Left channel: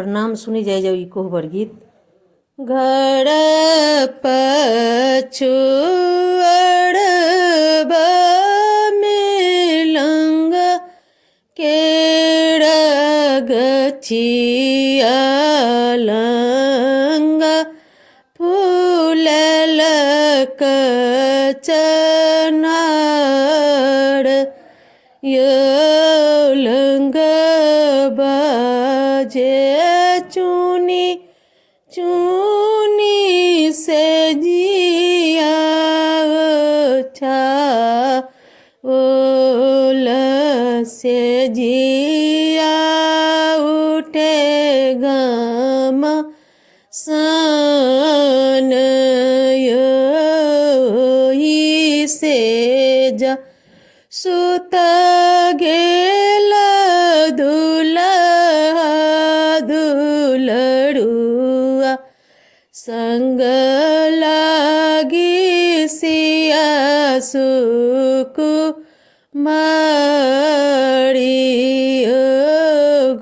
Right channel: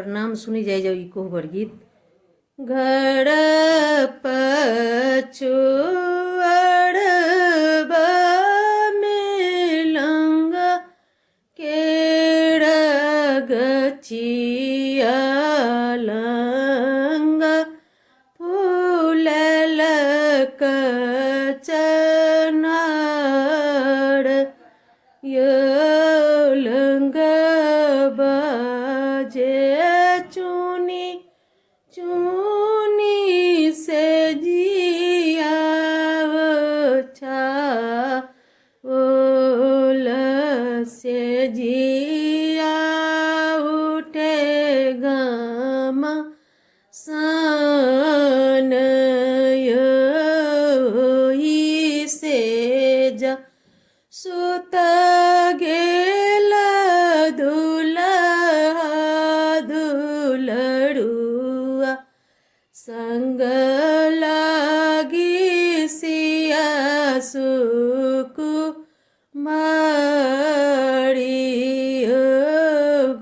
प्रणाम सुनी जाए जाओ ई कोहबर गीत। घर पछुअड़बा मिलंगा केड़ा गछिया लंगा फूलल कचनार लंग बाजे चुनी चुनी से जिया छा ओल से जिया उठे गम सन योही से जा सुत गेल दुल्हा दुलड़ुआ संग लागी सिया सुकु मारी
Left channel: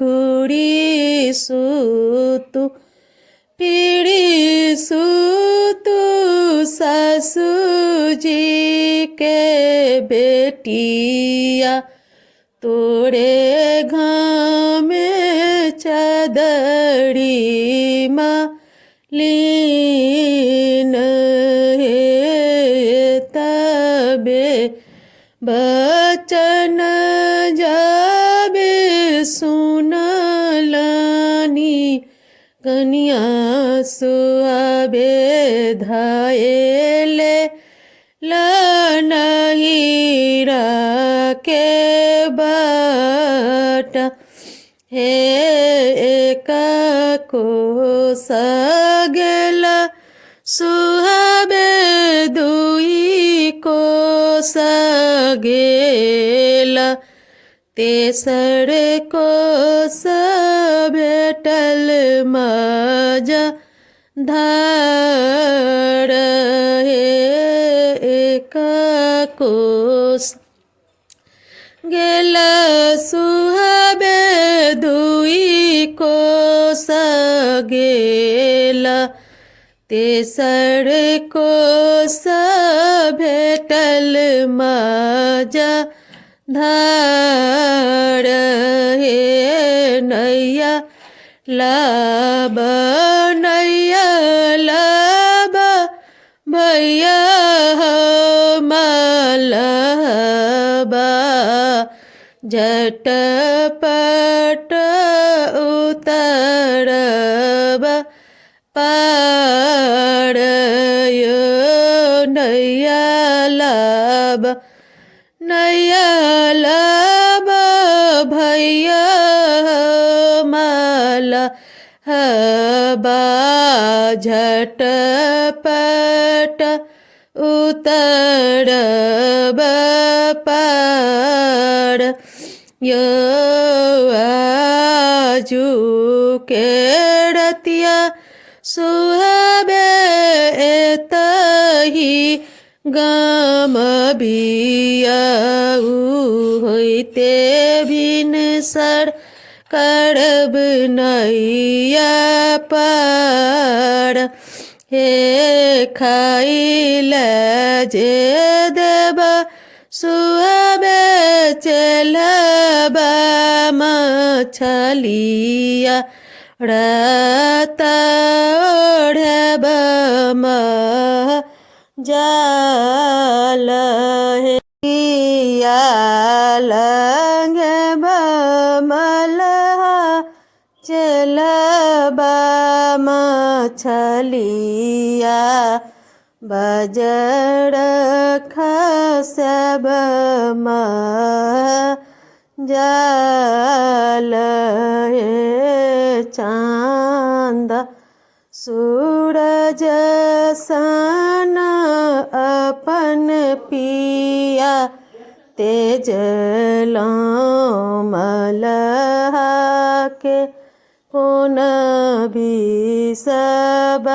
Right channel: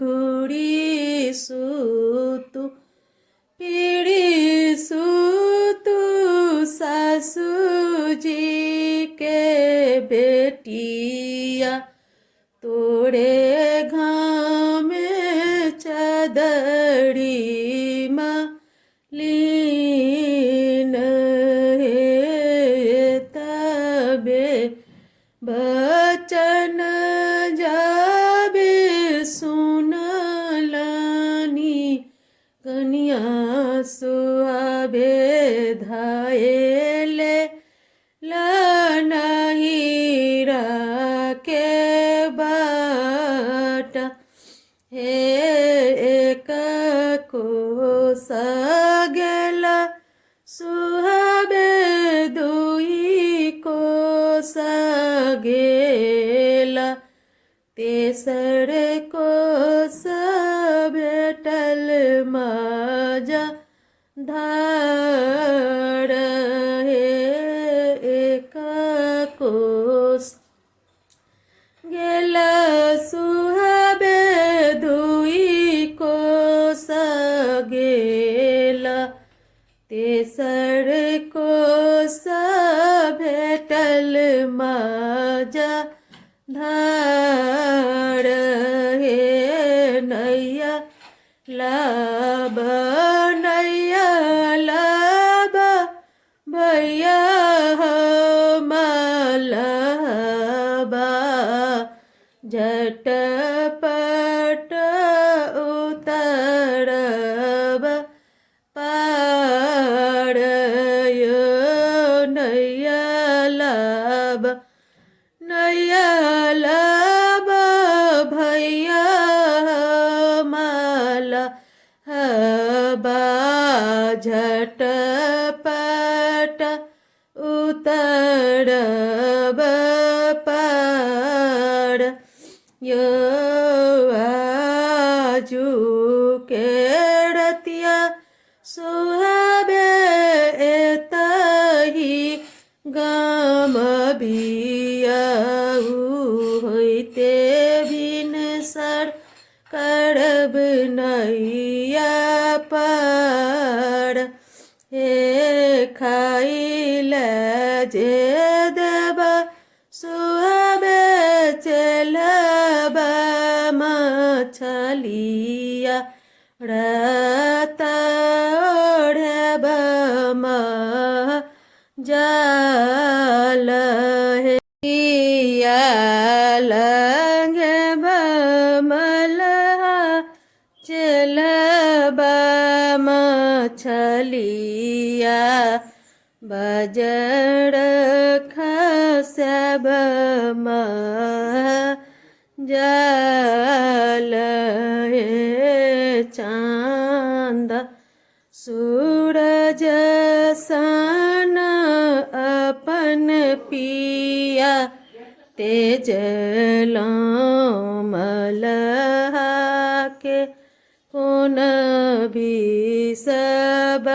घुड़ी सुतु पीड़ी सुतु सासू जी के बेटिया तोड़े घामे चदड़ी लीन हे तबे बचन जाबे सुनलनी कन्या सुहाबे धायले लनहीरा के बाट हे एक को सगेल सुहाबे दुई को सगेल तेसर को भेटल मजा धार हे एक कोस गेल सुहाबे दुई कोस गेल तेसर कोस भेटल मजा धार हे नैया लाब नैया लाब भैया मलबा झटपट उतरब पार यो नैया लाब भैया मलबा झटपट उतरब पार यो आजू के रतिया सुहाबे एतही गाम बियाहू होइते भिनसर करब नैया पार हे खाइल जे देब सुहाबे चलबा मछलिया रात ओढ़ब जाल हे लंग मलहा चलबा मछलिया बजर खसब जाल हे चांद सूरज सन अपन पिया तेज मलहा के कोन भी सब